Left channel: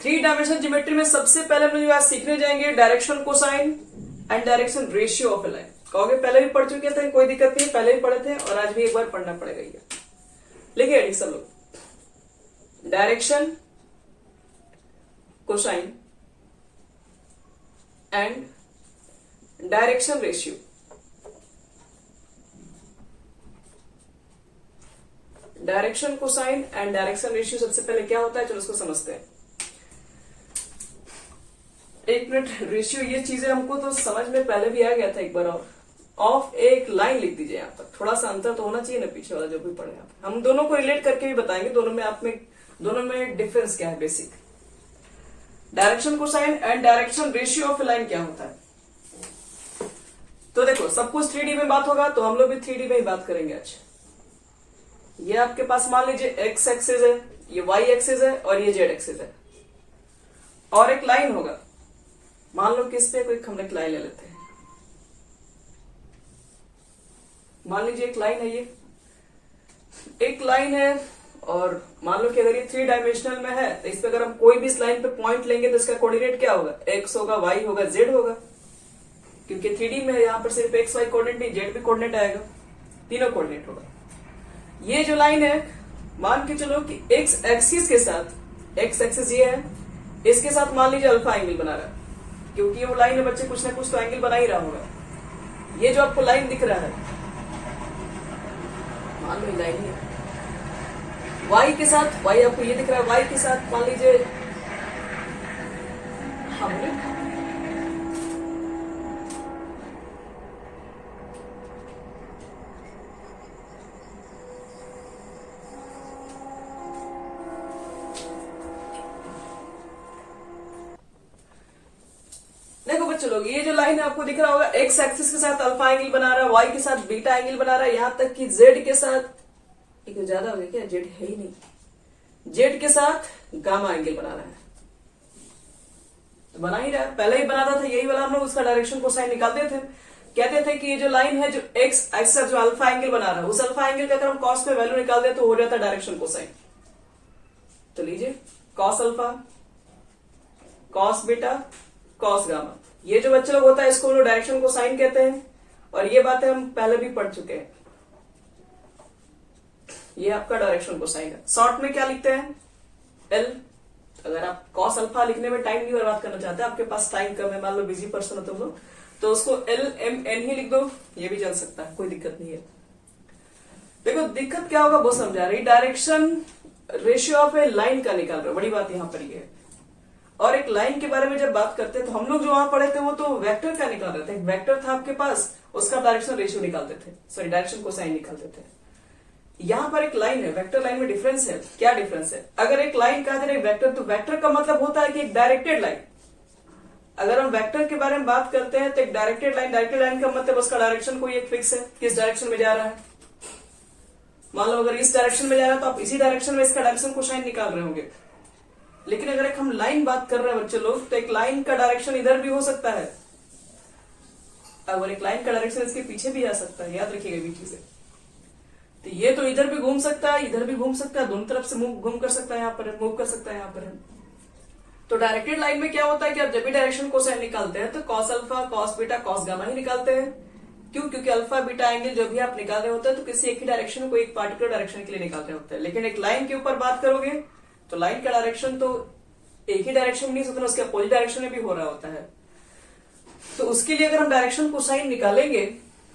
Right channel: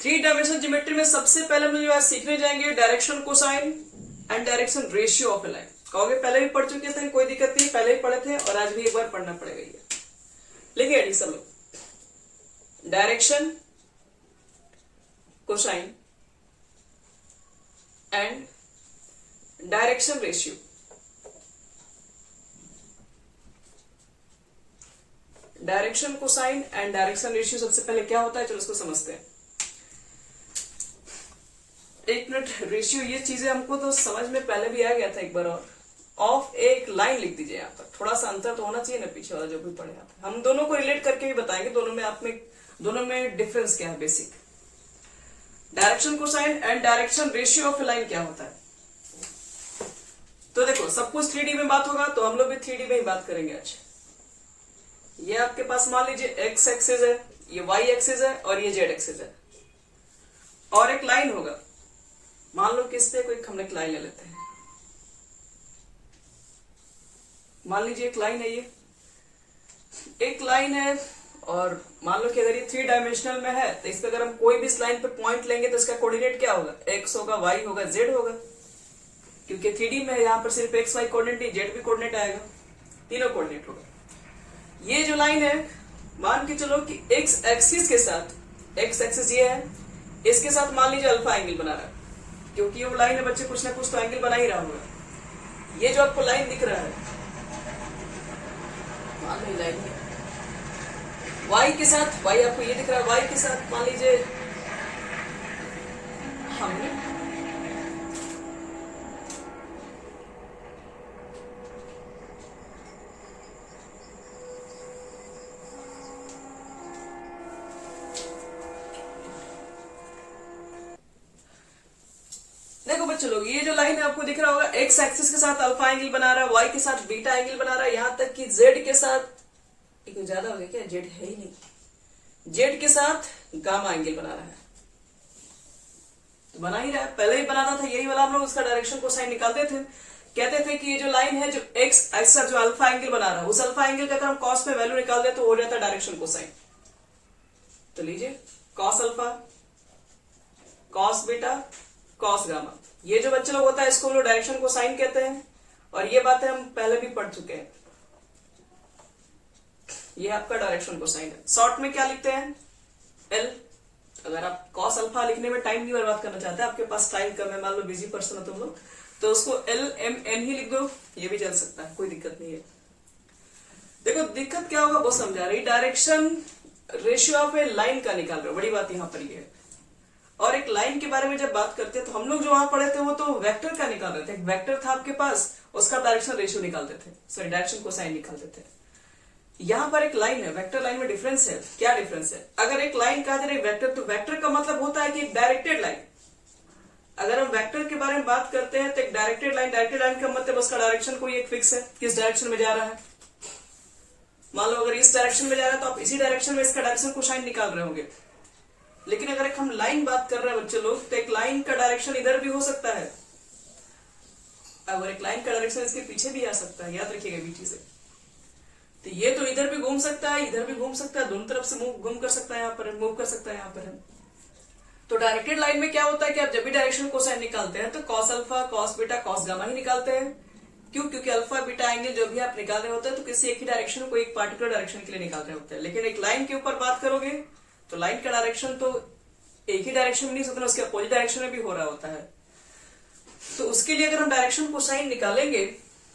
Three dimensional geometry में सबसे पहले हम लोग जो है सीखने जाएंगे direction cosine and direction ratio of A line. कहोगे पहले भी पढ़ चुके थे, कोई दिक्कत नहीं, पहले भी पढ़े थे और आज भी एक बार पढ़ना पड़ेगा ये। लिखिए एडी सब लोग, direction cosine and direction ratio. Direction cosine and direction ratio सबसे पहले क्या होता है, चलो उसको समझते हैं। एक मिनट, रेशियो ये चीजें हमको तो समझ में पहले भी आ गया था एक बार। और ऑफ एक लाइन लिख दीजिए यहाँ पर, थोड़ा सा अंतर तो होना चाहिए ना पीछे वाला जो भी पढ़े आप। हम दोनों को रिलेट करके भी बताएंगे दोनों में डिफरेंस क्या है basic. Direction cosine and direction ratio of line क्या होता है। तो देखो सब कुछ 3D में बात होगा तो हम लोग भी 3D में ही बात करेंगे आज। ये आपके पास मान लीजिए एक्स एक्सिस है, ये वाई एक्सिस है और ये जेड एक्सिस है, और एक लाइन होगा। मान लो कि इस पे कोई हम एक लाइन ले लेते हैं। मान लीजिए एक लाइन है, ये एक लाइन है और मान लो कि अगर ये 3 डायमेंशनल में है तो इस पे अगर हम कोई भी इस लाइन पे पॉइंट लेंगे तो इसका कोऑर्डिनेट क्या होगा, एक्स होगा, वाई होगा, जेड होगा। क्योंकि 3D में है, यहां पर सिर्फ एक्स वाई कोऑर्डिनेट नहीं, जेड भी कोऑर्डिनेट आएगा, तीनों कोऑर्डिनेट होगा। ये जो लाइन है मान के चलो कि एक्स एक्सिस के साथ, एक्स एक्सिस ये है, इसके साथ मान लीजिए अल्फा एंगल बना रहा है। क्योंकि ये वो लाइन है बच्चे, कुछ ना कुछ तो एंगल बना ही रहा होगा। ये जो आपको लाइन दिख रहा है, मान लो लाइन है वाई के साथ, वाई आपको ये दिख रहा है, वाई के साथ मान लीजिए हमने चलो ये जो लाइन है आपको दिख रहा होगा, एक्स एक्सिस के साथ अल्फा एंगल बना रहा है, वाई के साथ बीटा एंगल बना रहा है, यहां तक कि जेड के साथ, एक ज्यादा हो गया क्या, जेड है ही नहीं, जेड के साथ गामा एंगल बना रहा है। तो बना ही रहा है, पहले ही बनाता था यही वाला, हम लोग उसका डायरेक्शन कोसाइन निकालते थे। कहते थे कि ये जो लाइन है जो एक्स एक्सिस जो अल्फा एंगल बना रहा है, उस अल्फा एंगल का अगर हम कॉस पे वैल्यू निकाल दे तो हो जाता है डायरेक्शन कोसाइन। तो लीजिए cos alpha, cos beta, cos gamma, ये जो बच्चे लोग होता है इसको हम लोग डायरेक्शन को साइन कहते हैं। और ये बातें हम पहले भी पढ़ चुके हैं। ये आपका डायरेक्शन को साइन है। शॉर्ट में क्या लिखते हैं, एल। अगर आप कॉस अल्फा लिखने में टाइम नहीं बर्बाद करना चाहते, आपके पास टाइम कम है, मान लो बिजी पर्सन हो तुम लोग, तो उसको एल एम एन ही लिख दो, ये भी चल सकता है, कोई दिक्कत नहीं है। देखो दिक्कत क्या होगा वो समझा रही, direction ratio of A line का निकाल रहे हो, बड़ी बात यहां पर ये है। और एक लाइन के बारे में जब बात करते हैं तो हम लोग जो वहां पढ़े थे वो तो वेक्टर का निकाल रहे थे। एक वेक्टर था आपके पास, उसका डायरेक्शन रेशियो निकालते थे, सॉरी डायरेक्शन कोसाइन निकालते थे। यहां पर एक लाइन है, वेक्टर लाइन में डिफरेंस है। क्या डिफरेंस है, अगर एक लाइन कहते हैं एक वेक्टर, तो वेक्टर का मतलब होता है कि एक डायरेक्टेड लाइन। अगर हम वेक्टर के बारे में बात करते हैं तो एक डायरेक्टेड लाइन का मतलब उसका डायरेक्शन कोई एक फिक्स है, किस डायरेक्शन में जा रहा है। मान लो अगर इस डायरेक्शन में जा रहा है तो आप इसी डायरेक्शन में इसका डायरेक्शन कोसाइन निकाल रहे होंगे। लेकिन अगर एक हम लाइन बात कर रहे हैं बच्चे लोग, तो एक लाइन का डायरेक्शन इधर भी हो सकता है, अगर एक लाइन का डायरेक्शन इसके पीछे भी आ सकता है, याद रखिएगा बीच से। तो ये तो इधर भी घूम सकता है, इधर भी घूम सकता है, दोनों तरफ से घूम कर सकता है, यहाँ पर मूव कर सकता है यहाँ पर। तो डायरेक्टेड लाइन में क्या होता है कि आप जब भी डायरेक्शन कोसाइन निकालते हैं तो cos alpha, cos beta, cos gamma ही निकालते हैं। क्यों, क्योंकि अल्फा बीटा एंगल जो भी आप निकाल रहे होते हैं तो किसी एक ही डायरेक्शन को एक पार्टिकुलर डायरेक्शन के लिए निकाल रहे होते हैं। लेकिन एक लाइन के ऊपर बात करोगे तो लाइन का डायरेक्शन तो एक ही डायरेक्शन में नहीं सकता, उसके अपोजिट डायरेक्शन में भी हो रहा होता है। तो उसके लिए अगर हम डायरेक्शन कोसाइन निकालेंगे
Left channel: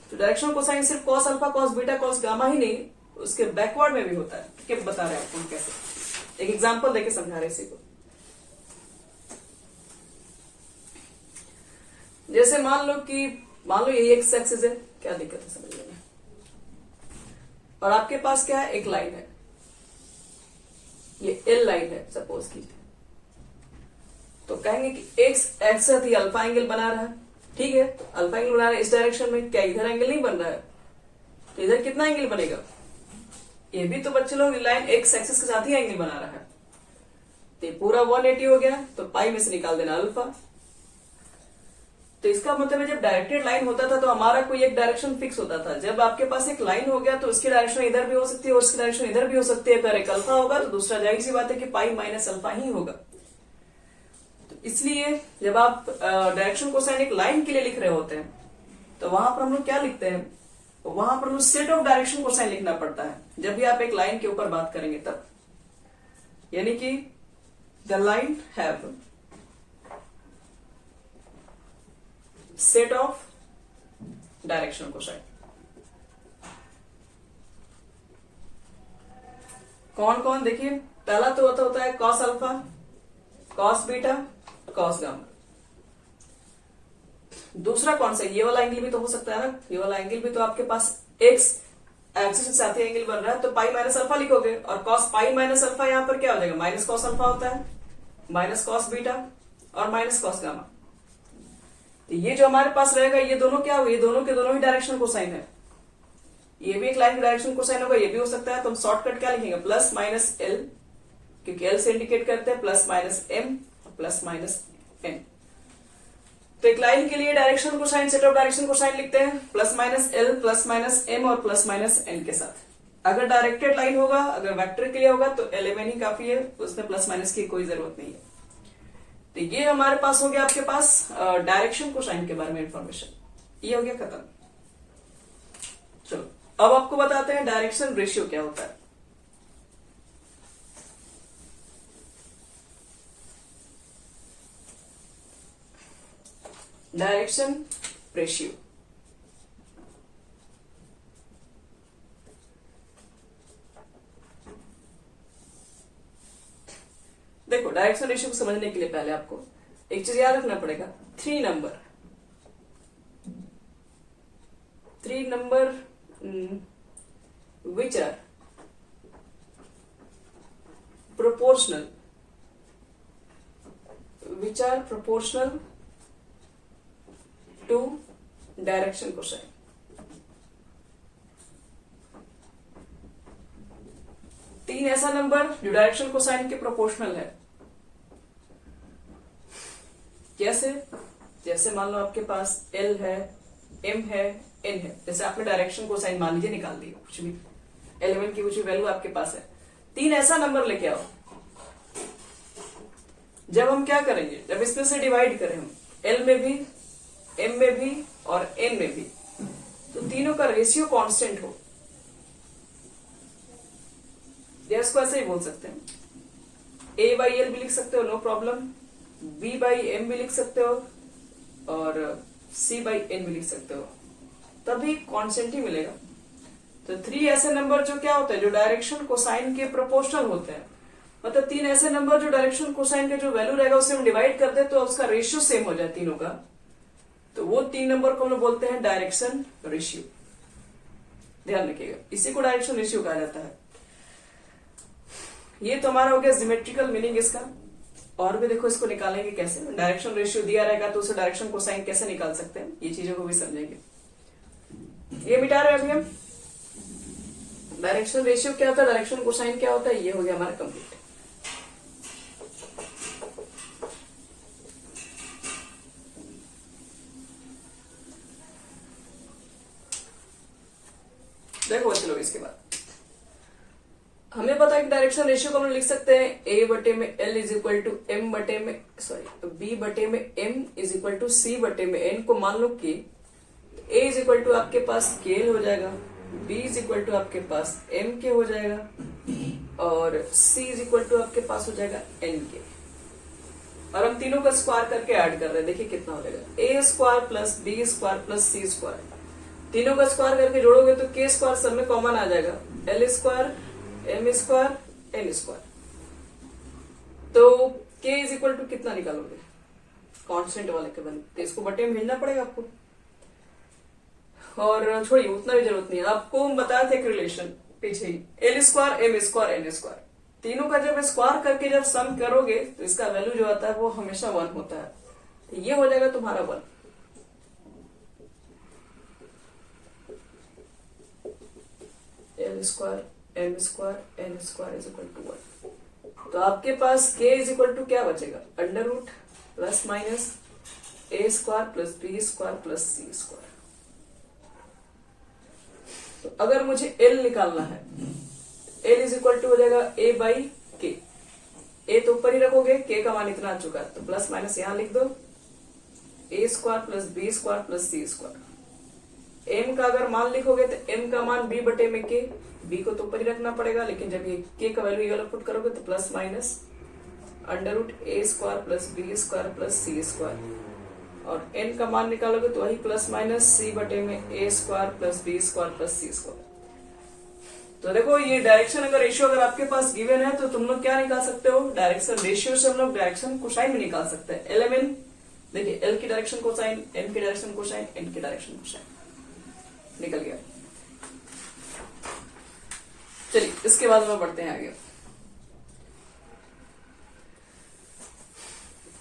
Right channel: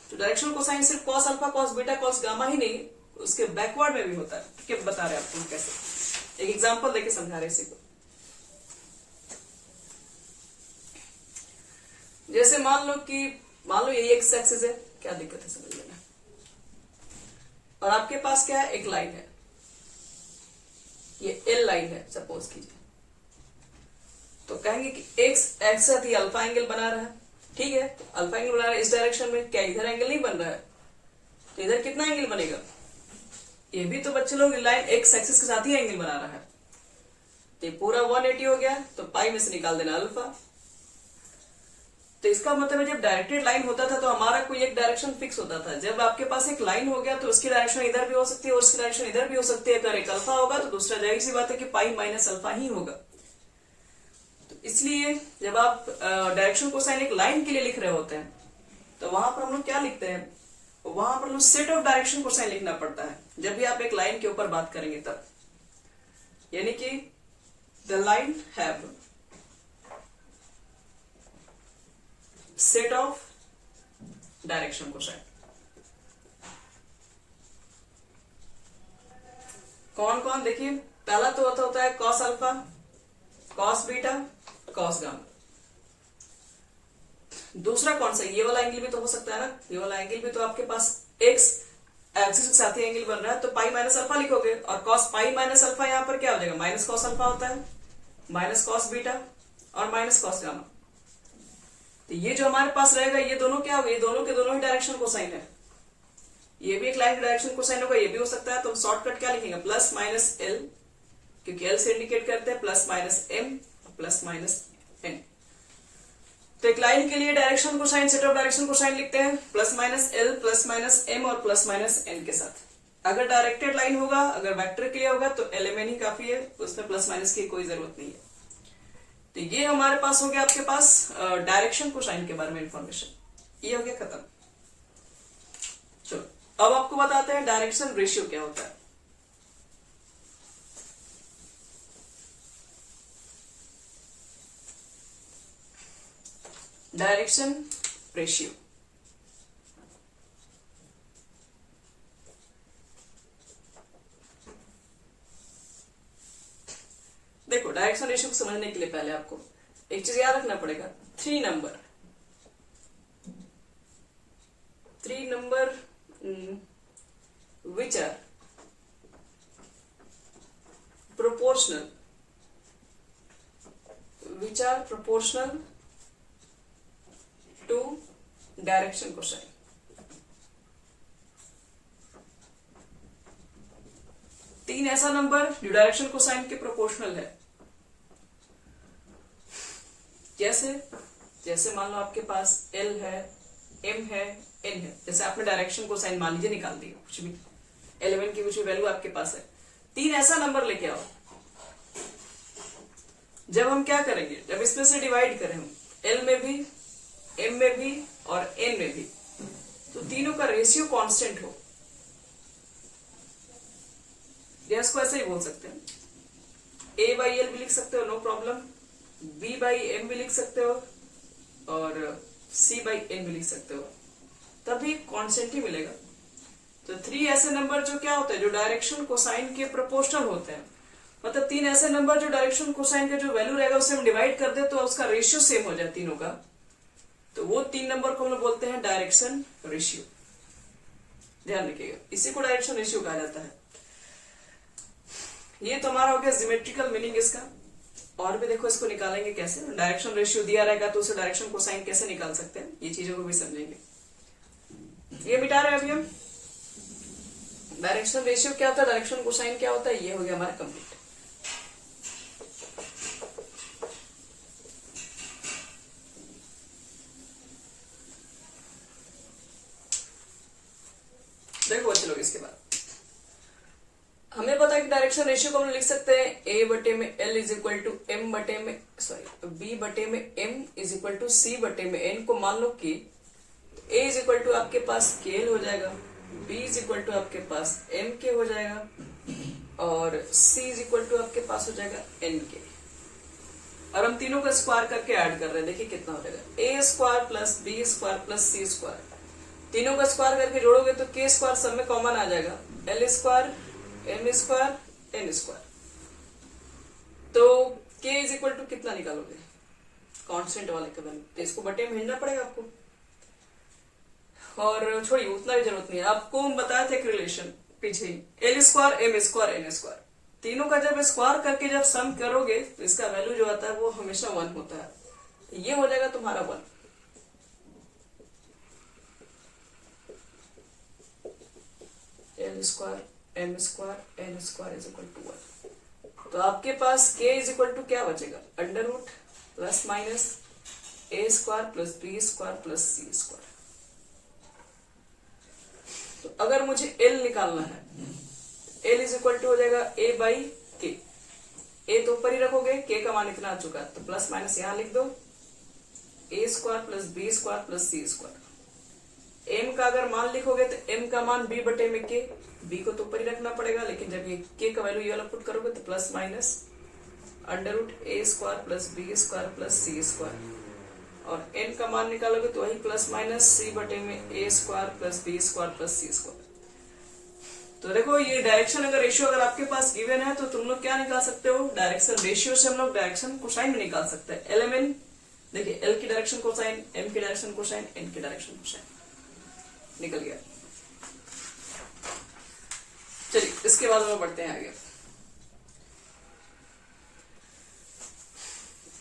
तो डायरेक्शन कोसाइन सिर्फ cos alpha, cos beta, cos gamma ही नहीं, उसके बैकवर्ड में भी होता है। ठीक है, बता रहे हैं आपको कैसे, एक एग्जांपल देके समझा रहे इसी को। जैसे मान लो ये एक्स एक्सिस है, क्या दिक्कत है समझ लेना। और आपके पास क्या है, एक लाइन है, ये एल लाइन है सपोज कीजिए। तो कहेंगे कि एक्स एक्सिस ही अल्फा एंगल बना रहा है, ठीक है, अल्फा एंगल बना रहा है इस डायरेक्शन में, क्या इधर एंगल नहीं बन रहा है, तो इधर कितना एंगल बनेगा, ये भी तो बच्चे लोग लाइन एक्स एक्सिस के साथ ही एंगल बना रहा है। ये पूरा 180 हो गया, तो पाई में से निकाल देना अल्फा। तो इसका मतलब है जब डायरेक्टेड लाइन होता था तो हमारा कोई एक डायरेक्शन फिक्स होता था। जब आपके पास एक लाइन हो गया तो उसकी डायरेक्शन इधर भी हो सकती है और उसकी डायरेक्शन इधर भी हो सकती है। अगर एक अल्फा होगा तो दूसरा जाहिर सी बात है कि पाई माइनस अल्फा ही होगा। तो इसलिए जब आप डायरेक्शन कोसाइन एक लाइन के लिए लिख रहे होते हैं तो वहां पर हम लोग क्या लिखते हैं, वहां पर हम लोग सेट ऑफ डायरेक्शन कोसाइन लिखना पड़ता है जब भी आप एक लाइन के ऊपर बात करेंगे तब। यानी कि the line have set of direction cosine. कौन कौन देखिए, पहला तो होता है cos alpha, cos beta, cos gamma. दूसरा कौन सा, ये वाला एंगल भी तो हो सकता है ना, ये वाला एंगल भी तो आपके पास एक्स एक्सिस के साथ ही एंगल बन रहा है, तो पाई माइनस अल्फा लिखोगे, और कॉस पाई माइनस अल्फा यहां पर क्या हो जाएगा, माइनस कॉस अल्फा होता है, माइनस कॉस बीटा और माइनस कॉस गामा। तो ये जो हमारे पास रहेगा ये दोनों क्या हो, ये दोनों के दोनों ही डायरेक्शन कोसाइन है। ये भी एक लाइन का डायरेक्शन कोसाइन होगा, ये भी हो सकता है। तो हम शॉर्टकट क्या लिखेंगे, प्लस माइनस एल, क्योंकि एल से इंडिकेट करते हैं, plus minus M plus minus N. तो एक लाइन के लिए direction cosine, set of direction cosine लिखते हैं plus minus L plus minus M और प्लस माइनस एन के साथ। अगर डायरेक्टेड लाइन होगा, अगर वेक्टर के लिए होगा तो एल एम एन ही काफी है, उसमें प्लस माइनस की कोई जरूरत नहीं है। तो ये हमारे पास हो गया आपके पास डायरेक्शन कोसाइन के बारे में इंफॉर्मेशन, ये हो गया खत्म। चलो अब आपको बताते हैं डायरेक्शन रेशियो क्या होता है। डायरेक्शन रेशियो, देखो डायरेक्शन रेशियो को समझने के लिए पहले आपको एक चीज याद रखना पड़ेगा, three number which are proportional to direction cosine. तीन ऐसा नंबर जो डायरेक्शन कोसाइन के प्रोपोर्शनल है। जैसे मान लो आपके पास एल है, एम है, एन है। जैसे आपने डायरेक्शन कोसाइन मान लीजिए निकाल दी, कुछ भी एलिमेंट की कुछ भी वैल्यू आपके पास है, तीन ऐसा नंबर लेके आओ। जब हम क्या करेंगे, जब इसमें से डिवाइड करें हम एल में भी, एम में भी और एन में भी, तो तीनों का रेशियो कांस्टेंट हो, इसको ऐसे ही बोल सकते हैं, ए बाई एल भी लिख सकते हो no problem, B by M भी लिख सकते हो और सी बाई एन भी लिख सकते हो, तभी कांस्टेंट ही मिलेगा। तो थ्री ऐसे नंबर जो क्या होते हैं, जो डायरेक्शन कोसाइन के प्रोपोर्शनल होते हैं, मतलब तीन ऐसे नंबर जो डायरेक्शन कोसाइन का जो वैल्यू रहेगा उससे हम डिवाइड करते हैं तो उसका रेशियो सेम हो जाए तीनों का, तो वो तीन नंबर को हम लोग बोलते हैं डायरेक्शन रेशियो। ध्यान रखिएगा, इसी को डायरेक्शन रेशियो कहा जाता है। ये तो हमारा हो गया ज्योमेट्रिकल मीनिंग इसका। और भी देखो इसको निकालेंगे कैसे, डायरेक्शन रेशियो दिया रहेगा तो उसे डायरेक्शन कोसाइन कैसे निकाल सकते हैं, ये चीजों को भी समझेंगे। ये मिटा रहे हैं अभी हम। डायरेक्शन रेशियो क्या होता है, डायरेक्शन कोसाइन क्या होता है, ये हो गया हमारा कंप्लीट। देखो बच्चे लोग, इसके बाद हमें पता है कि डायरेक्शन रेशियो को हम लिख सकते हैं ए बटे में L is equal to M बटे में बी बटे में M is equal to C बटे में एन को मान लो कि ए इज इक्वल टू आपके पास के एल हो जाएगा, बी इज इक्वल टू आपके पास एम के हो जाएगा और सी इज इक्वल टू आपके पास हो जाएगा एन के। और हम तीनों का स्क्वायर करके ऐड कर रहे हैं, देखिए कितना हो जाएगा, A square plus B square plus C square. तीनों का स्क्वायर करके जोड़ोगे तो के स्क्वायर सब में कॉमन आ जाएगा, L square M square N square. तो के इज इक्वल टू कितना निकालोगे, कांस्टेंट वाले के बन, तो इसको बटे में हिड़ना पड़ेगा आपको। और छोड़िए, उतना भी जरूरत नहीं है, आपको हम बताया था एक रिलेशन पीछे, L square M square N square, तीनों का जब स्क्वायर करके जब सम करोगे तो इसका वैल्यू जो आता है वो हमेशा 1 होता है, तो ये हो जाएगा तुम्हारा 1। L square M square N square is equal to 1। तो आपके पास के इज इक्वल टू क्या बचेगा, under root plus minus A square plus B square plus C square. तो अगर मुझे एल निकालना है, एल इज इक्वल टू हो जाएगा ए बाई के, ए तो ऊपर ही रखोगे, के का मान इतना आ चुका है, तो प्लस माइनस यहां लिख दो, A square plus B square plus C square. M का अगर मान लिखोगे तो एम का मान बी बटे में के, बी को तो ऊपर ही रखना पड़ेगा, लेकिन जब ये के का वैल्यू ये वाला पुट करोगे तो plus minus under root A square plus B square plus C square, और एन का मान निकालोगे तो वही प्लस माइनस सी बटे में A square plus B square plus C square. तो देखो ये डायरेक्शन अगर रेशियो अगर आपके पास गिवन है तो तुम लोग क्या निकाल सकते हो, डायरेक्शन रेशियो से हम लोग डायरेक्शन कोसाइन भी निकाल सकते हैं। एल एम एन, देखिए एल की डायरेक्शन कोसाइन, एम की डायरेक्शन कोसाइन, एन की डायरेक्शन कोसाइन, निकल गया। चलिए इसके बाद हम बढ़ते हैं आगे।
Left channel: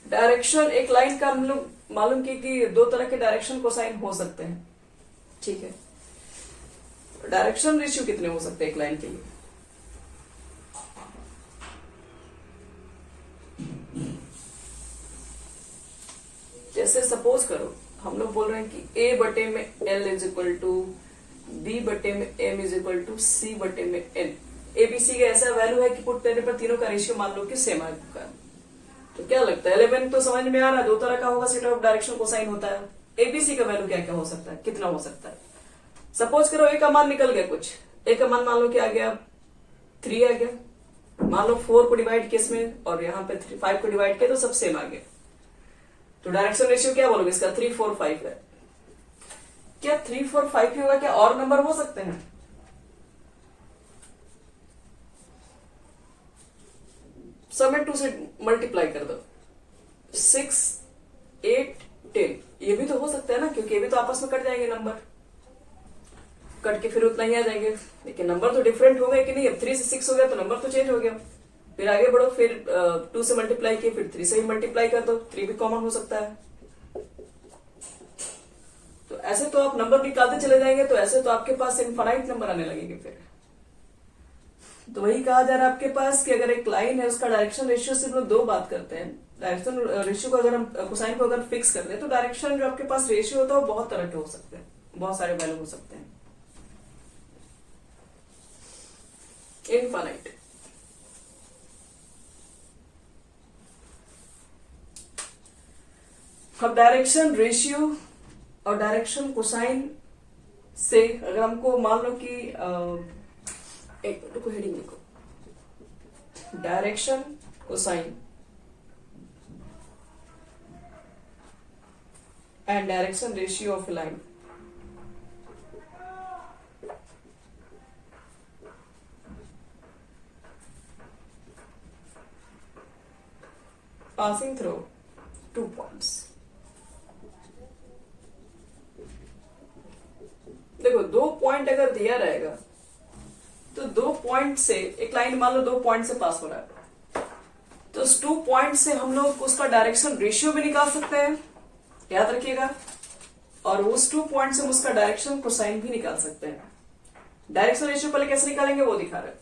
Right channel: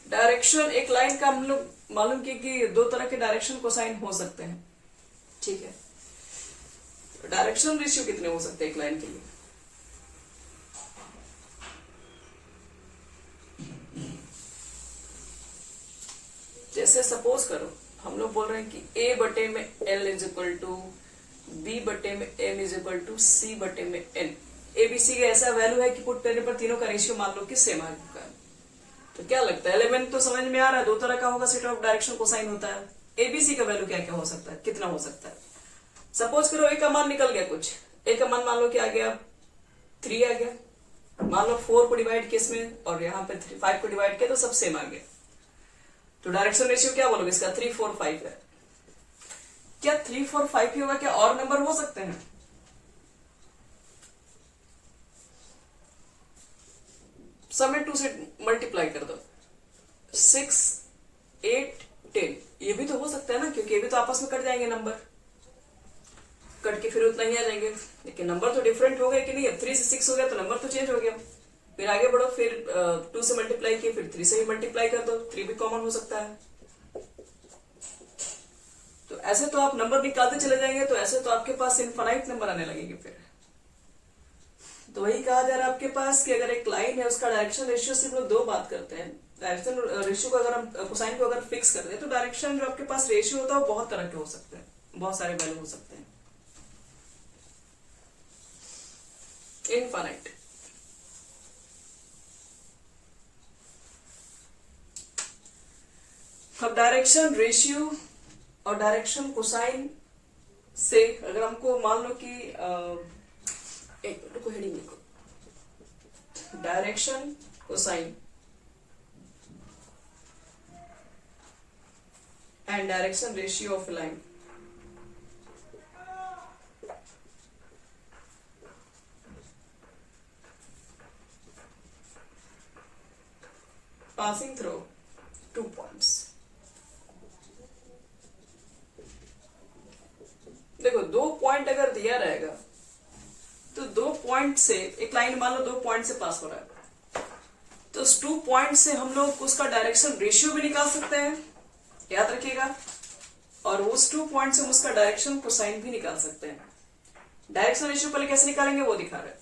डायरेक्शन, एक लाइन का हम लोग मालूम किए कि दो तरह के डायरेक्शन कोसाइन हो सकते हैं, ठीक है। डायरेक्शन रेशियो कितने हो सकते हैं एक लाइन के लिए? जैसे सपोज करो हम लोग बोल रहे हैं कि ए बटे में L is equal to B बटे में M is equal to C बटे में एन। एबीसी का ऐसा वैल्यू है कि पुट करने पर तीनों का रेशियो मान लो कि सेम आ चुका है। तो क्या लगता है, 11 तो समझ में आ रहा है, दो तरह का होगा सेट ऑफ डायरेक्शन कोसाइन होता है। एबीसी का वैल्यू क्या क्या हो सकता है, कितना हो सकता है? सपोज करो ए का मान निकल गया कुछ, ए का मान मान लो कि आ गया 3 आ गया, मान लो 4 को डिवाइड किया इसमें और यहाँ पे 5 को डिवाइड किया तो सब सेम आ गया। तो डायरेक्शन रेशियो क्या बोलोगे इसका, 3 4 5 है। क्या 3 4 5 ही होगा, क्या और नंबर हो सकते हैं? सब में 2 से मल्टीप्लाई कर दो, 6 8 10, ये भी तो हो सकता है ना, क्योंकि ये भी तो आपस में कट जाएंगे नंबर, कट के फिर उतना ही आ जाएंगे, लेकिन नंबर तो डिफरेंट हो गए कि नहीं। अब 3 से 6 हो गया तो नंबर तो चेंज हो गया। फिर आगे बढ़ो, फिर 2 से मल्टीप्लाई किए, फिर 3 से ही मल्टीप्लाई कर दो, 3 भी कॉमन हो सकता है। तो ऐसे तो आप नंबर निकालते चले जाएंगे, तो ऐसे तो आपके पास इनफाइनाइट नंबर आने लगेंगे फिर। तो वही कहा जा रहा है आपके पास कि अगर एक लाइन है उसका डायरेक्शन रेशियो से हम लोग दो बात करते हैं। डायरेक्शन रेशियो को अगर हम कोसाइन को अगर फिक्स कर दें तो डायरेक्शन जो आपके पास रेशियो होता है वो बहुत तरह के हो सकते हैं, बहुत सारे वैल्यू हो सकते हैं, इनफाइनाइट। अब डायरेक्शन रेशियो और डायरेक्शन कोसाइन से अगर हमको मान लो कि एक मिनट को हेडिंग लिखो, direction cosine and direction ratio of line. Passing through 2 points. देखो 2 पॉइंट अगर दिया रहेगा तो 2 पॉइंट से एक लाइन मान लो 2 पॉइंट से पास हो रहा है, तो उस 2 पॉइंट से हम लोग उसका डायरेक्शन रेशियो भी निकाल सकते हैं, याद रखिएगा, और उस 2 पॉइंट से हम उसका डायरेक्शन कोसाइन भी निकाल सकते हैं। डायरेक्शन रेशियो पहले कैसे निकालेंगे वो दिखा रहे हैं।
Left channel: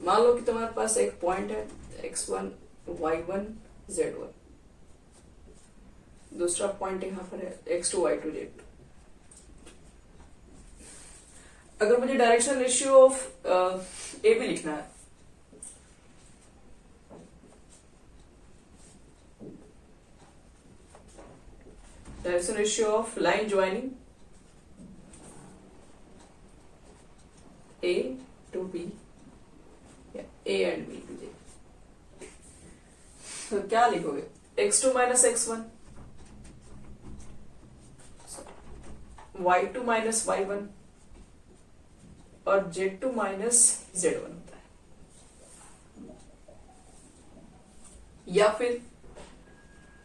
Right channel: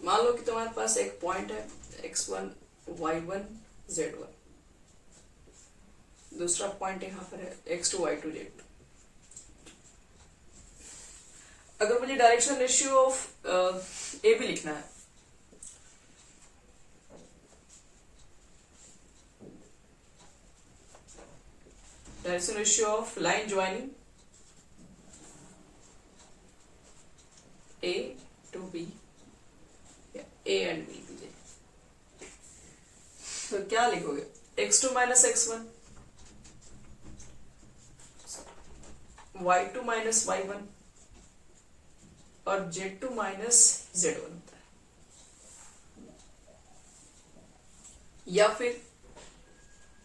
मान लो कि तुम्हारे पास एक पॉइंट है x1 y1 z1, दूसरा पॉइंट यहां पर है x2 y2 z2। अगर मुझे डायरेक्शन रेशियो ऑफ ए भी लिखना है, direction ratio of line joining A to B, A and B, तो क्या लिखोगे, x2 minus x1, y2 minus y1 और z2 माइनस z1 होता है। या फिर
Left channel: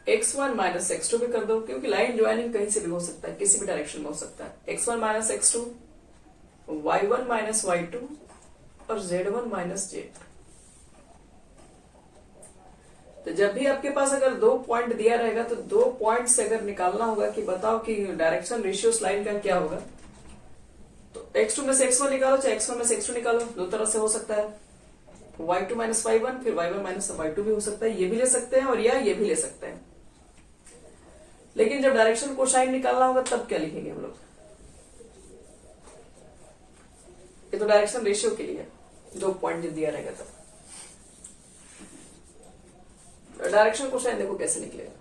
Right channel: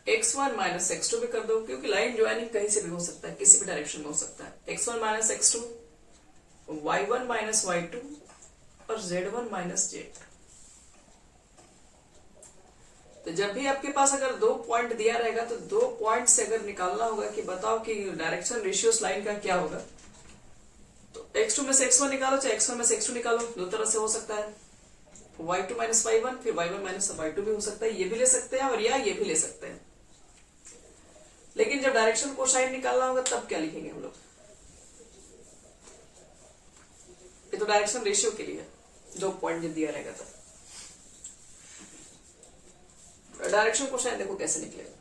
x1 माइनस x2 भी कर दो, क्योंकि लाइन ज्वाइनिंग कहीं से भी हो सकता है, किसी भी डायरेक्शन में हो सकता है। x1 minus x2, y1 minus y2 और z1 माइनस z2। तो जब भी आपके पास अगर 2 पॉइंट दिया रहेगा तो 2 पॉइंट से अगर निकालना होगा कि बताओ कि डायरेक्शन रेशियो लाइन का क्या होगा, तो x2 में से x1 निकालो, चाहे x1 में से x2 निकालो, दो तरह से हो सकता है। y2 माइनस y1, फिर y1 माइनस y2 भी हो सकता है, ये भी ले सकते हैं और या ये भी ले सकते हैं। लेकिन जब डायरेक्शन कोसाइन निकालना होगा तब क्या लिखेंगे हम लोग, तो डायरेक्शन रेशियो के लिए 2 पॉइंट दिया रहेगा तब। डायरेक्शन कोसाइन देखो कैसे निकलेगा।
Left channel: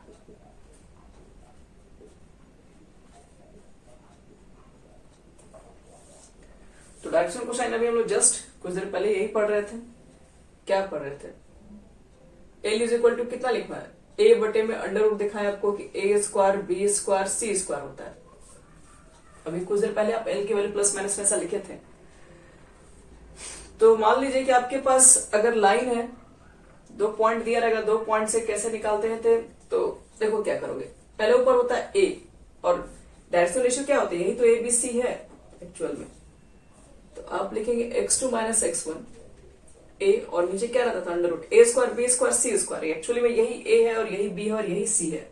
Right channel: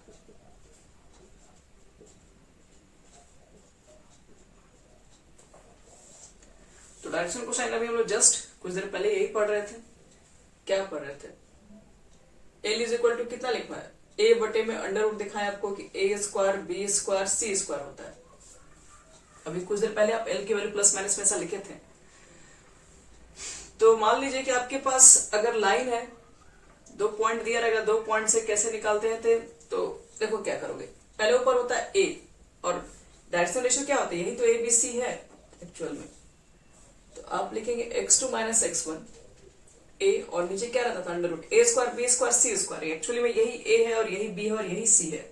तो डायरेक्शन कोसाइन अभी हम लोग जस्ट कुछ देर पहले यही पढ़ रहे थे। क्या पढ़ रहे थे? एल इज इक्वल टू कितना लिखा है? ए बटे में अंडर रूट दिखाया आपको कि ए square B square C square होता है। अभी कुछ देर पहले आप एल की वैल्यू प्लस माइनस में ऐसा लिखे थे। तो मान लीजिए कि आपके पास अगर लाइन है, 2 पॉइंट दिया रहेगा, 2 पॉइंट से कैसे निकालते हैं थे? तो देखो क्या करोगे, पहले ऊपर होता है ए और डायरेक्शन रेशियो क्या होता है? यही तो ए बी सी है एक्चुअल में। तो आप लिखेंगे x2 माइनस x1 ए और नीचे क्या रहता था? Under root A square B square C square. Actually में यही ए है और यही बी है और यही सी है,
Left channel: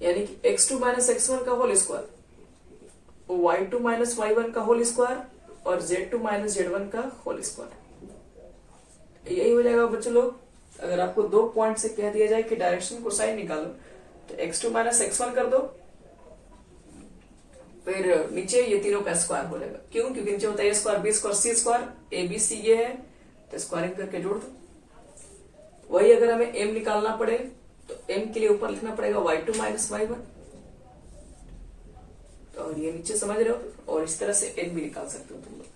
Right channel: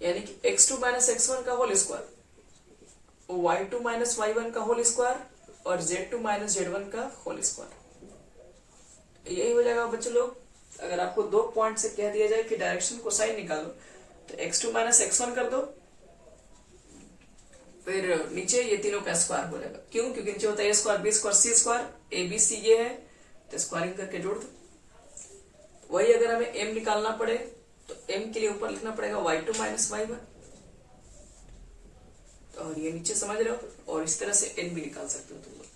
यानी कि x2 माइनस x1 का whole square, y2 minus y1 का होल स्क्वायर और z2 माइनस z1 का होल स्क्वायर। यही हो जाएगा बच्चों लोग। अगर आपको 2 पॉइंट से कह दिया जाए कि डायरेक्शन कोसाइन निकालो तो x2 माइनस x1 कर दो, फिर नीचे ये तीनों का स्क्वायर हो जाएगा। क्यों? क्योंकि नीचे होता है A square B square C square, A B C ये है, तो स्क्वायरिंग करके जोड़ दो। वही अगर हमें m निकालना पड़े तो m के लिए ऊपर लिखना पड़ेगा y2 माइनस y1, और ये नीचे समझ रहे हो, और इस तरह से n भी निकाल सकते हो तुम लोग।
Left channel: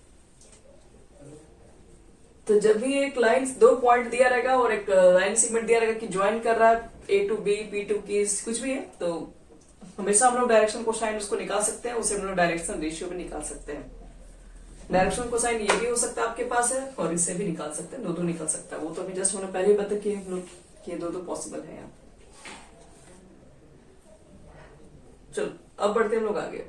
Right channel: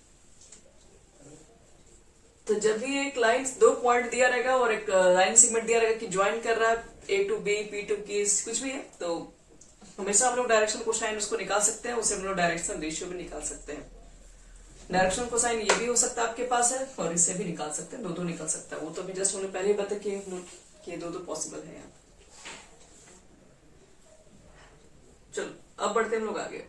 तो जब भी एक लाइन 2 पॉइंट दिया रहेगा और एक लाइन सेगमेंट दिया रहेगा कि ज्वाइन कर रहा है ए टू बी बी टू की कुछ भी है, तो हमेशा हम लोग डायरेक्शन कोसाइन उसको निकाल सकते हैं, उसे हम लोग डायरेक्शन रेशियो भी निकाल सकते हैं। डायरेक्शन कोसाइन ये भी हो सकता है आपके पास है और इससे भी निकाल सकते हैं, दो निकाल सकता है। वो तो अभी जस्ट हमने पहले ही बता कि दो पॉसिबल है यहाँ। चलो अब बढ़ते हैं हम लोग आगे।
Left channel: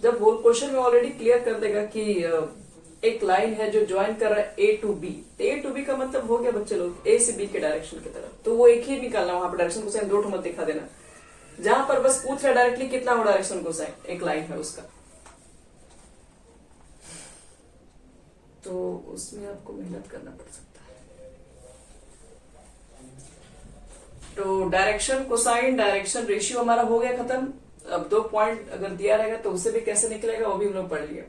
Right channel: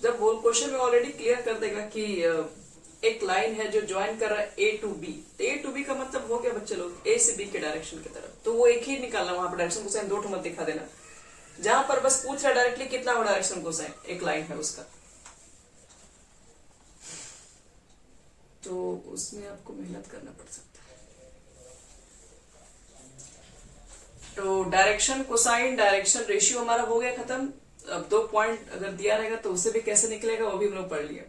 जब होल क्वेश्चन में ऑलरेडी क्लियर कर देगा कि एक लाइन है जो ज्वाइन कर रहा है ए टू बी, तो ए टू बी का मतलब हो गया बच्चे लोग ए से बी के डायरेक्शन की तरफ, तो वो एक ही निकालना। वहां पर डायरेक्शन कोसाइन 2 मत दिखा देना। जहां पर बस पूछ रहा डायरेक्टली कितना हो डायरेक्शन कोसाइन, एक लाइन है उसका, तो उसमें आपको मेहनत करना पड़ सकता है। तो डायरेक्शन कोसाइन डायरेक्शन रेशियो हमारा हो गया खत्म। अब 2 पॉइंट अगर दिया रहेगा तो उसे भी कैसे निकलेगा वो भी हम लोग पढ़ लिया।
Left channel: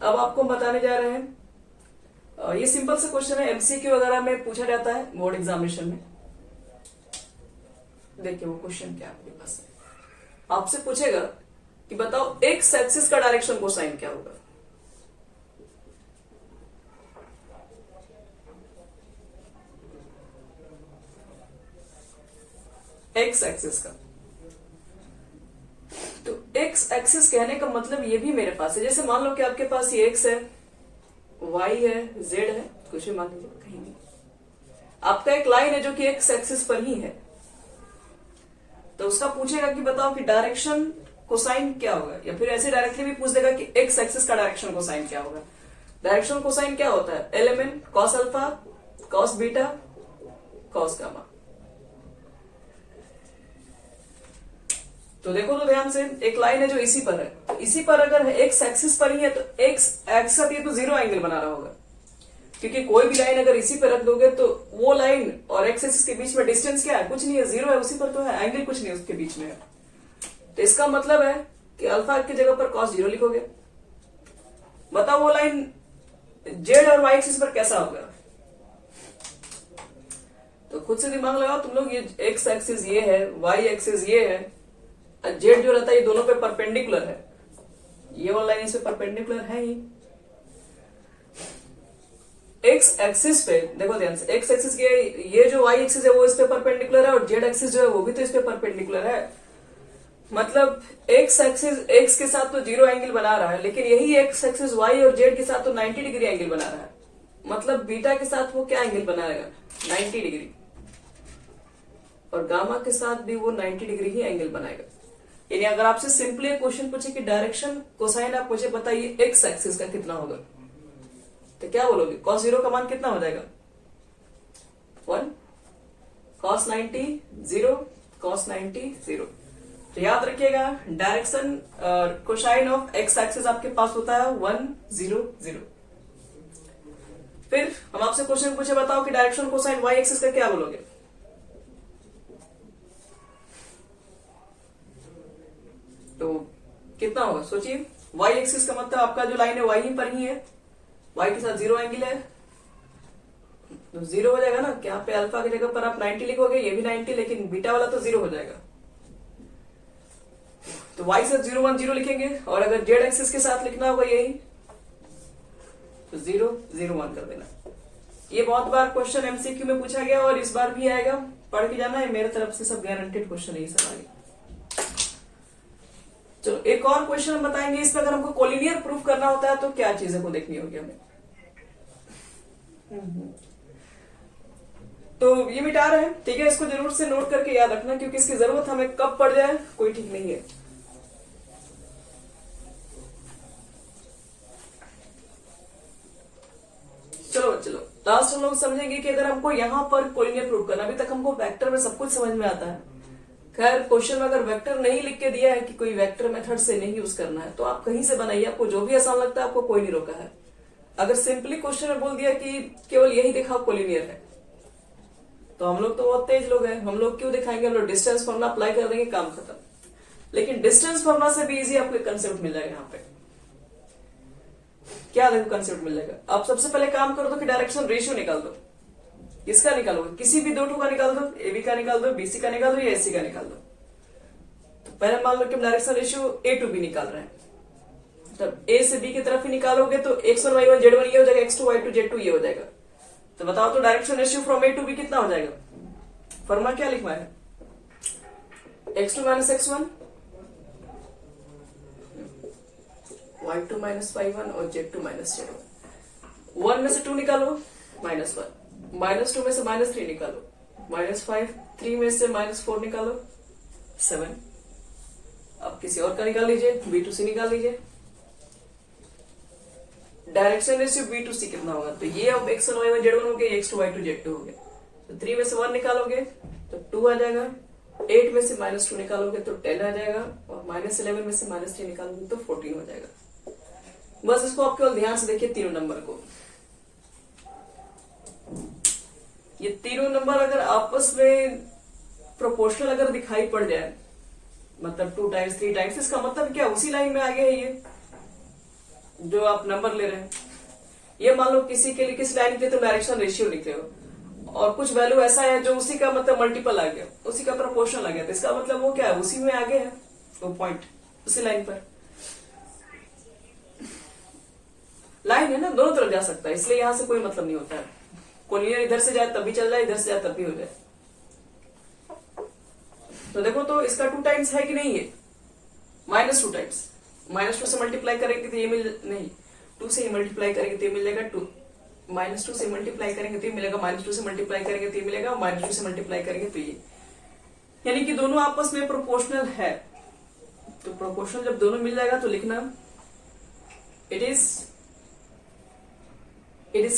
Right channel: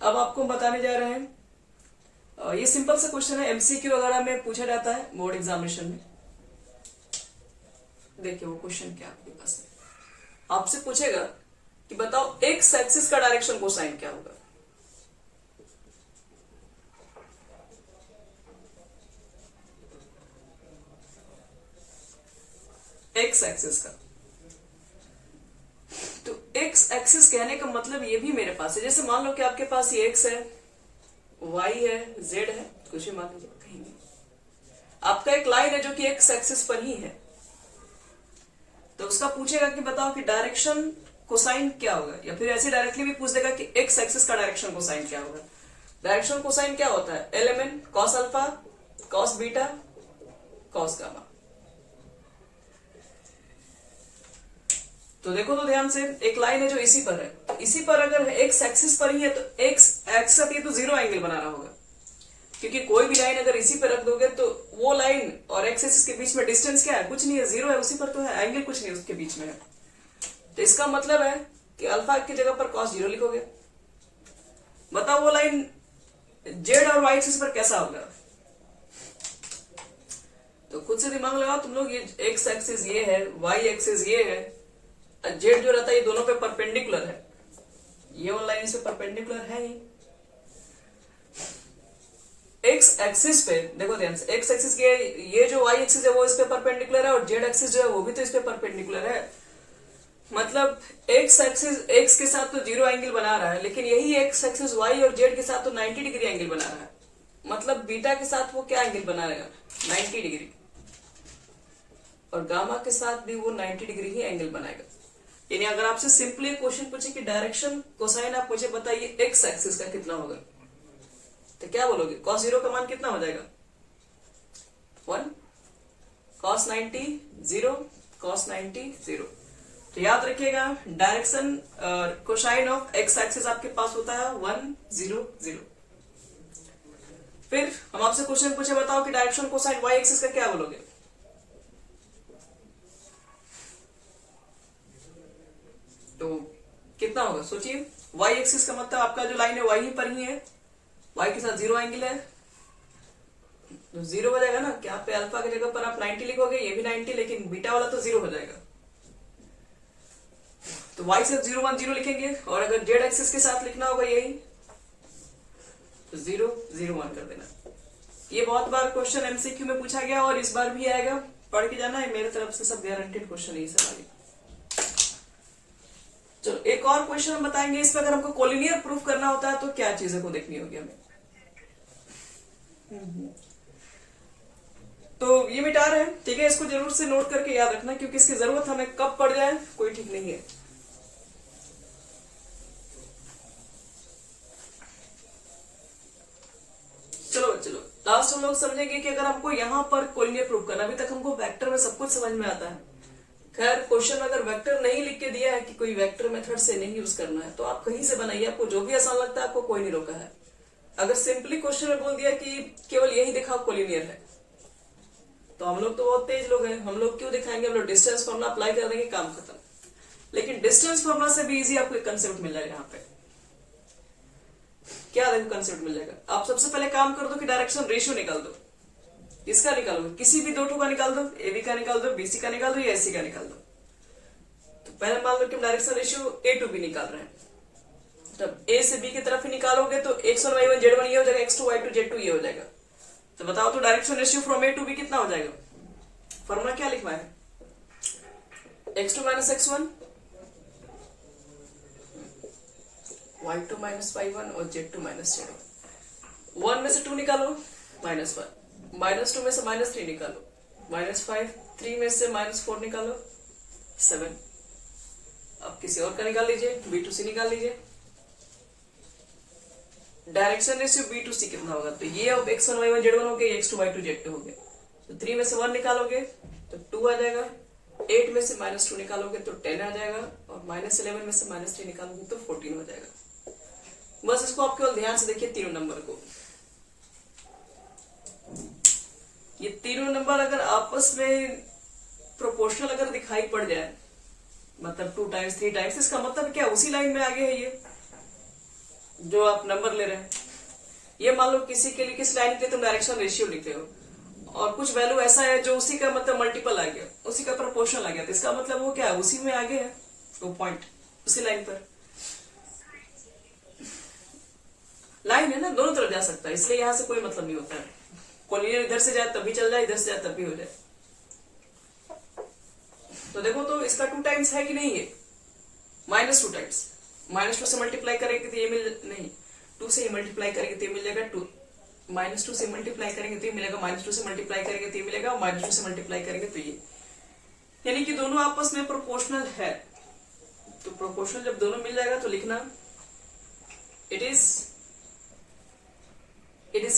अब आपको बताने जा रहे हैं, ये सिंपल सा क्वेश्चन है, एमसीक्यू वगैरह में पूछा जाता है बोर्ड एग्जामिनेशन में। देखिए वो क्वेश्चन क्या आपके पास है। आपसे पूछेगा कि बताओ एक्स एक्सिस का डायरेक्शन कोसाइन क्या होगा। एक्स एक्सिस का, तो एक्स एक्सिस कहने का मतलब ये भी मेरे पास है। जैसे मान लो कि आपके पास ये एक्स है, वाई है, जेड है, कुछ भी मान लीजिए कहीं भी। आपका एक लाइन है जो कि एक्स एक्सिस पर ही है, तो उसका पूछेगा कि बताओ कि डायरेक्शन कोसाइन क्या होगा, या फिर ऐसे डायरेक्टली भी पूछ देगा कि एक्स एक्सिस का डायरेक्शन कोसाइन क्या होगा। डायरेक्शन कोसाइन क्या होता है? Element cos alpha, cos beta, cos gamma. तो देखो तो ध्यान से, एक लाइन है जो इसी पर है, तो इसी पर अगर एक्स एक्सिस पर ही है तो एक्स एक्सिस पे तो 0 एंगल बना रहा होगा, क्योंकि कोई भी लाइन अगर इसी पर रख दोगे तो वो लाइन और एक्स एक्सिस के बीच में डिस्टेंस क्या है? कुछ नहीं है, 0 है, उसी पर तो है, एंगल कुछ नहीं उसके बीच में है। तो इसका मतलब है कि अल्फा की जगह पर कॉस 0 लिखोगे। बताओ वो लाइन जेड और वाई एक्सिस पर कैसा होगा? तो खुद से दिमाग लगाओ तुम लोग। ये एक्स एक्सिस ये है, वाई एक्सिस ये है, जेड जो रहता है ये दोनों पे परपेंडिकुलर है, ये वाला लाइन इस पे परपेंडिकुलर है ही। एक्स एक्सिस पे देखो ध्यान से, एक्स एक्सिस के ये जो वाई एक्सिस है वो इस पे परपेंडिकुलर है और जेड एक्सिस जो है वो भी तो इस पे परपेंडिकुलर है। मतलब एक्स एक्सिस एक्स के साथ तो 0 एंगल बना रहा है, लेकिन यही एक्स एक्सिस वाई और जेड के साथ तो 90 डिग्री एंगल बना रहा है। मतलब बीटा के साथ वो क्या एंगल बना रहेगा? 90 डिग्री, और गामा के साथ भी वो 90 डिग्री ही एंगल बनाएगा। यानी अगर आपसे सिंपली क्वेश्चन पूछे कि डायरेक्शन कोसाइन आप मुझे बताइए एक्स एक्सिस का कितना होगा, तो क्या बोलोगे? कॉस 0 का मान कितना हो जाएगा? 1, कॉस 90 0, कॉस 90 0। तो याद रखिएगा direction cosine of x axis आपके पास होता है 1 0 0। फिर हम आपसे क्वेश्चन पूछे बताओ कि डायरेक्शन कोसाइन वाई एक्सिस का क्या बोलोगे? तो कितना होगा सोचिए। वाई एक्सिस का मतलब आपका जो लाइन है वाई ही पर ही है, वाई के साथ 0 एंगल है तो 0 हो जाएगा ना। क्या पे अल्फा की जगह पर आप 90 लिखोगे, ये भी 90, लेकिन बीटा वाला तो 0 हो जाएगा। तो y से 0 1 0 लिखेंगे, और अगर z एक्सिस के साथ लिखना होगा यही तो 0 0 1 कर देना। ये बहुत बार क्वेश्चन एमसीक्यू में पूछा गया और इस बार भी आएगा, पढ़ के जाना है, मेरे तरफ से सब गारंटेड क्वेश्चन है ये सब आगे। चलो एक और क्वेश्चन हम बताएंगे, इसमें अगर हमको कोलिनियर प्रूफ करना होता है तो क्या चीजें को देखनी होगी हमें। तो ये मिटा रहे हैं, ठीक है, इसको जरूर से नोट करके याद रखना, क्योंकि इसकी जरूरत हमें कब पड़ जाए कोई ठीक नहीं है। चलो लास्ट हम लोग समझेंगे कि अगर हमको यहाँ पर कोलिनियर प्रूफ करना, अभी तक हमको वेक्टर में सब कुछ समझ में आता है। खैर क्वेश्चन में अगर वेक्टर नहीं लिख के दिया है कि कोई वेक्टर मेथड से नहीं यूज करना है तो आप कहीं से बनाइए, आपको जो भी आसान लगता है, आपको कोई नहीं रोका है। अगर सिंपली क्वेश्चन में बोल दिया कि केवल यही दिखाओ कोलिनियर है तो हम लोग तो बहुत तेज लोग हैं, हम लोग क्यों दिखाएंगे, हम लोग डिस्टेंस फॉर्मूला अप्लाई कर देंगे, काम खत्म। लेकिन डिस्टेंस फॉर्मूला से भी इजी आपको कंसेप्ट मिल जाएगा। यहाँ पे क्या देखो कंसेप्ट मिल जाएगा। आप सबसे पहले काम कर दो कि डायरेक्शन रेशियो निकाल दो। किसका निकालोगे, किसी भी दो टू का निकाल दो, एबी का निकाल दो, बीसी का निकाल दो या एसी का निकाल दो। तो पहले मान लो कि हम direction ratio A to B निकाल रहे हैं, तब ए से बी की तरफ ही निकालोगे तो x1 y1 z1 ये हो जाएगा, x2 y2 z2 ये हो जाएगा। तो बताओ तो direction ratio from A to B कितना हो जाएगा। फॉर्मूला क्या लिखवा है, x2 minus x1 y2 minus y1 और z2 माइनस z1। 1 में से 2 निकालो -1, -2 में से -3 निकालो -5, 3 में से -4 निकालो 7। अब किसी और का निकाल लीजिए, b2c निकाल लीजिए। डायरेक्शन रेशियो b2c कितना होगा, तो ये अब x1 y1 z1 हो गया, x2 y2 z2 हो गया। तो 3 में से 1 निकालोगे तो 2 आ जाएगा, 8 में से -2 निकालोगे तो 10 आ जाएगा, और -11 में से -3 निकालोगे तो 14 हो जाएगा। बस इसको आप केवल ध्यान से देखिए तीनों नंबर को। ये तीनों नंबर अगर आपस में प्रोपोर्शनल अगर दिखाई पड़ जाए, मतलब 2 टाइम्स 3 टाइम्स, इसका मतलब क्या उसी लाइन में आगे है ये जो आप नंबर ले रहे हैं। ये मान लो किसी के लिए किस लाइन के लिए तो डायरेक्शन रेशियो लिखते हो और कुछ वैल्यू ऐसा है जो उसी का मतलब मल्टीपल आ गया, उसी का प्रोपोर्शनल आ गया, तो इसका मतलब वो क्या है, उसी में आगे है वो पॉइंट, उसी लाइन पर लाइन है ना, दोनों तरफ जा सकता है, इसलिए यहां से कोई मतलब नहीं होता है। कोलिनियर इधर से जाए तब भी चल जाए, इधर से जाए तब भी हो जाए। तो देखो तो इसका 2 टाइम्स है कि नहीं है, -2 टाइम्स, -2 से मल्टीप्लाई करेंगे तो ये मिल नहीं, 2 से मल्टीप्लाई करेंगे तो ये मिल जाएगा 2, -2 से मल्टीप्लाई करेंगे तो ये मिलेगा, -2 से मल्टीप्लाई करेंगे तो ये मिलेगा, -2 से मल्टीप्लाई करेंगे तो ये, यानी कि दोनों आपस में प्रोपोर्शनल है। तो प्रोपोर्शनल जब दोनों मिल जाएगा तो लिखना it is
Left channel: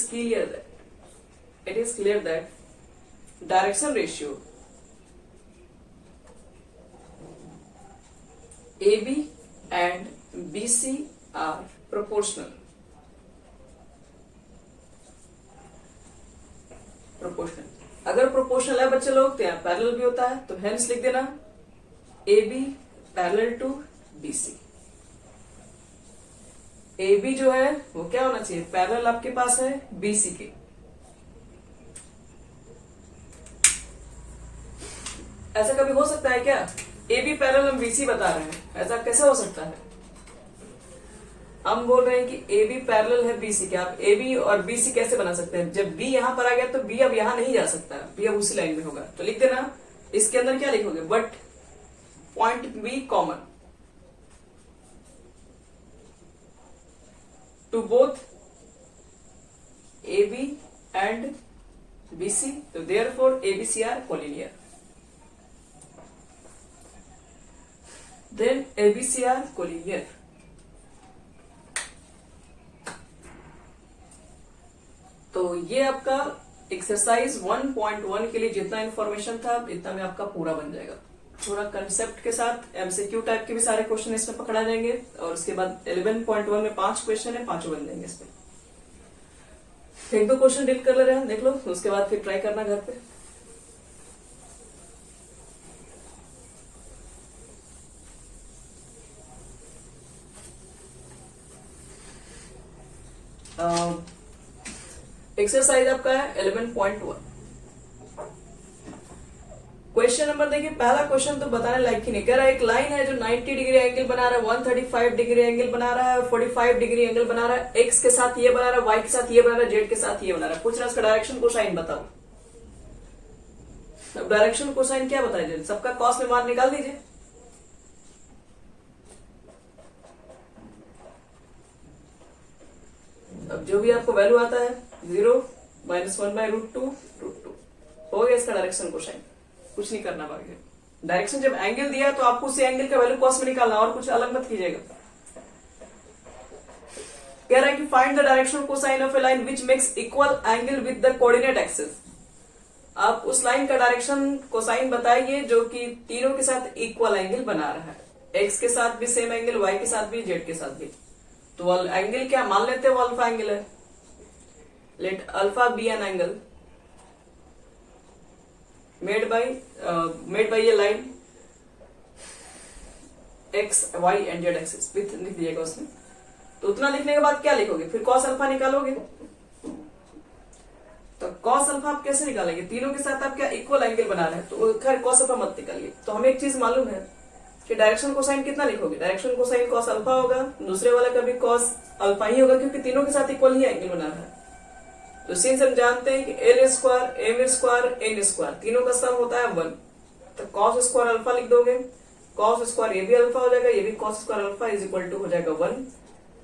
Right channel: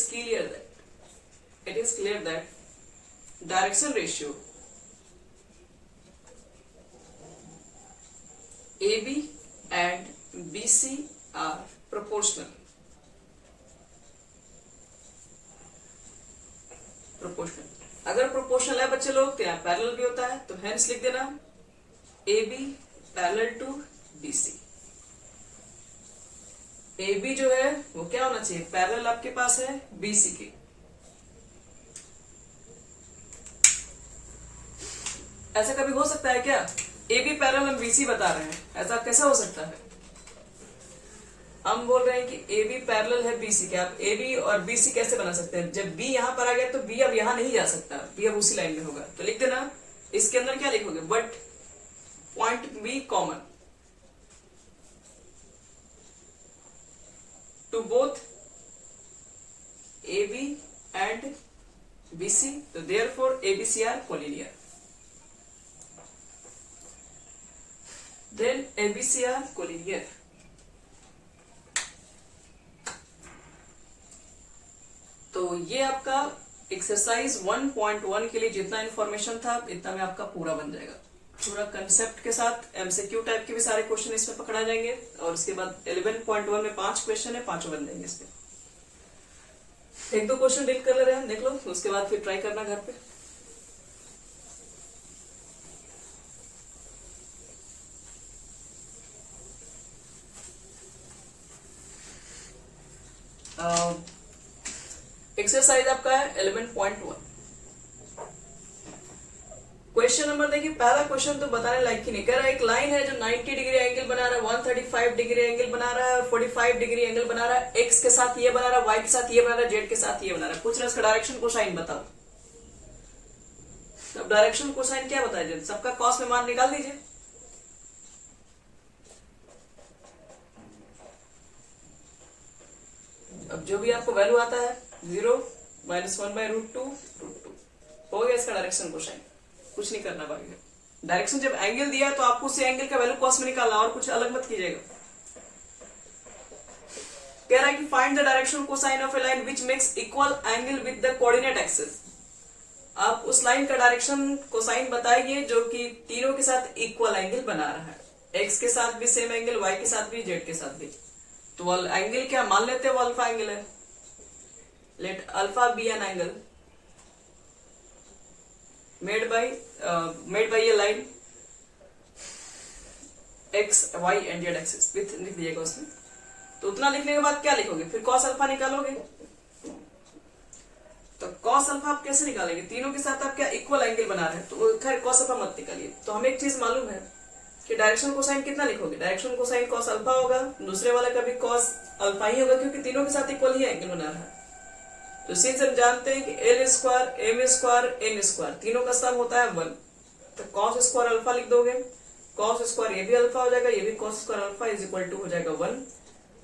clear that direction ratio AB and BC are proportional. अगर प्रोपोर्शनल है बच्चे लोग तो यहाँ पैरेलल भी होता है, तो हेंस लिख देना AB parallel to BC। AB जो है वो क्या होना चाहिए, पैरेलल आपके पास है BC के। ऐसा कभी हो सकता है क्या, AB पैरेलल हम BC बता रहे हैं, ऐसा कैसे हो सकता है। हम बोल रहे हैं कि AB पैरेलल है BC के, आप AB और BC कैसे बना सकते हैं, जब B यहां पर आ गया तो B अब यहां नहीं जा सकता, B अब उसी लाइन में होगा। तो लिख देना, इसके अंदर क्या लिखोगे, but point B common to both AB and BC, तो therefore ABC are collinear. Then ABC are collinear। तो ये आपका एक्सरसाइज 1.1 के लिए जितना इंफॉर्मेशन था इतना में आपका पूरा बन जाएगा, पूरा कंसेप्ट के साथ। एमसीक्यू टाइप के भी सारे क्वेश्चन इसमें पकड़ा जाएंगे, और उसके बाद 11.1 में 5 क्वेश्चन है, 5 बन जाएंगे इसमें। 1-2 क्वेश्चन डील कर ले रहे हैं, देख लो, उसके बाद फिर ट्राई करना घर पे। एक्सरसाइज आपका है 11.1। क्वेश्चन नंबर देखिए, पहला क्वेश्चन तो बताने लायक ही नहीं। कह रहा है एक लाइन है जो 90 डिग्री एंगल बना रहा है, 135 डिग्री एंगल बना रहा है, 45 डिग्री एंगल बना रहा है, एक्स के साथ ये बना रहा है, वाई के साथ ये बना रहा है, जेड के साथ ये बना रहा है। पूछ रहा है उसका डायरेक्शन कोसाइन बताओ। अब डायरेक्शन कोसाइन क्या बताया, सबका कॉस में मान निकाल दीजिए। अब जो भी आपको वैल्यू आता है 0 -1/√2 हो गया इसका डायरेक्शन कोसाइन। कुछ नहीं करना बाकी। डायरेक्शन जब एंगल दिया तो आपको उसी एंगल का वैल्यू कॉस में निकालना, और कुछ अलग मत कीजिएगा। कह रहा है कि find the direction cosine of A line which makes equal angle with the coordinate axis. आप उस लाइन का डायरेक्शन कोसाइन बताइए जो कि तीनों के साथ इक्वल एंगल बना रहा है, एक्स के साथ भी सेम एंगल, वाई के साथ भी, जेड के साथ भी। तो वो एंगल क्या मान लेते हैं, वो अल्फा एंगल है। Let alpha be an angle made by ये line X Y and Z axis. लिख दिएगा उसमें। तो उतना लिखने के बाद क्या लिखोगे, फिर कॉस अल्फा निकालोगे। तो कॉस अल्फा आप कैसे निकालेंगे, तीनों के साथ आप क्या इक्वल एंगल बना रहे हैं, तो खैर कॉस अल्फा मत निकालिए। तो हमें एक चीज मालूम है कि डायरेक्शन कोसाइन कितना लिखोगे, डायरेक्शन कोसाइन कॉस अल्फा होगा, दूसरे वाला का भी कॉस अल्फा ही होगा क्योंकि तीनों के साथ इक्वल ही एंगल बना रहा है। तो सिंस हम जानते हैं कि L square M square N square तीनों का सम होता है 1, तो कॉस स्क्वायर अल्फा लिख दोगे। कॉस स्क्वायर ये भी अल्फा हो जाएगा, ये भी cos square alpha is equal to हो जाएगा 1।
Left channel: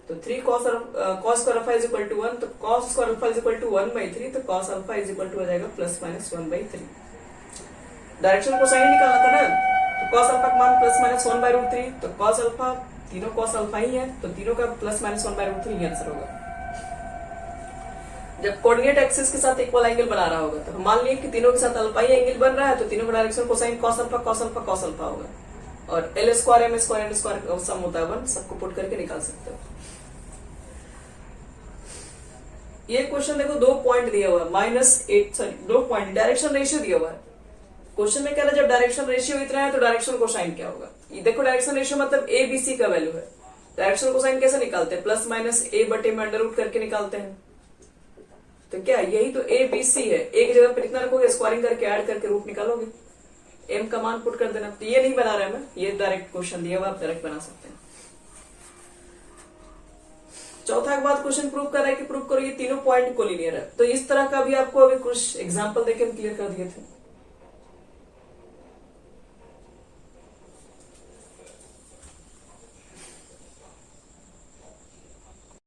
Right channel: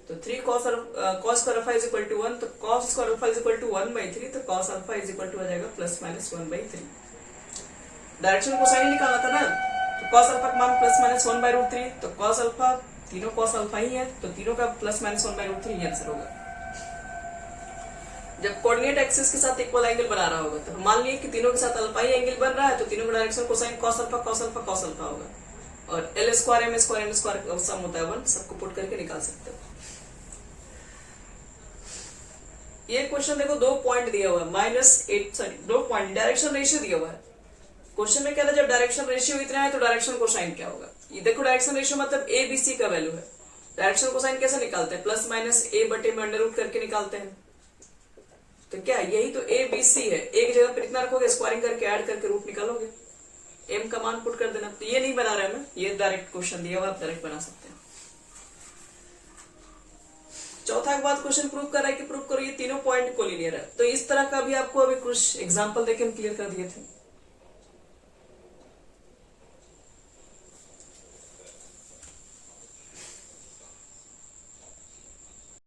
तो 3 cos square alpha is equal to 1, तो cos square alpha is equal to 1/3, तो cos alpha is equal to हो जाएगा ±1/3। डायरेक्शन कोसाइन निकालना था ना, तो कॉस अल्फा का मान ±1/√3, तो कॉस अल्फा तीनों कॉस अल्फा ही है, तो तीनों का ±1/√3 ही आंसर होगा। जब कोऑर्डिनेट एक्सिस के साथ इक्वल एंगल बना रहा होगा, तो मान लीजिए कि तीनों के साथ अल्फा ही एंगल बन रहा है, तो तीनों का direction cosine cos alpha cos alpha cos alpha होगा। और L square M square N square sum होता है 1, सबको पुट करके निकाल सकते हो। ये क्वेश्चन देखो 2 पॉइंट दिया हुआ है, -2 पॉइंट डायरेक्शन रेशियो दिया हुआ है। क्वेश्चन में क्या था, जब डायरेक्शन रेशियो इतना है तो डायरेक्शन कोसाइन क्या होगा। ये देखो डायरेक्शन रेशियो मतलब ए बी सी का वैल्यू है। डायरेक्शन कोसाइन कैसे निकालते हैं, +-a/में अंडर रूट करके निकालते हैं। तो क्या यही तो ए बी सी है, एक जगह पर इतना रखोगे, स्क्वायरिंग करके ऐड करके रूट निकालोगे, एम का मान पुट कर देना। तो ये नहीं बना रहे हैं, ये डायरेक्ट क्वेश्चन दिया हुआ, आप डायरेक्ट बना सकते हैं। चौथा के बाद क्वेश्चन प्रूव कर रहा है कि प्रूव करो ये तीनों पॉइंट कोलिनियर है। तो इस तरह का भी आपको अभी कुछ एग्जांपल देके हम क्लियर कर दिए थे।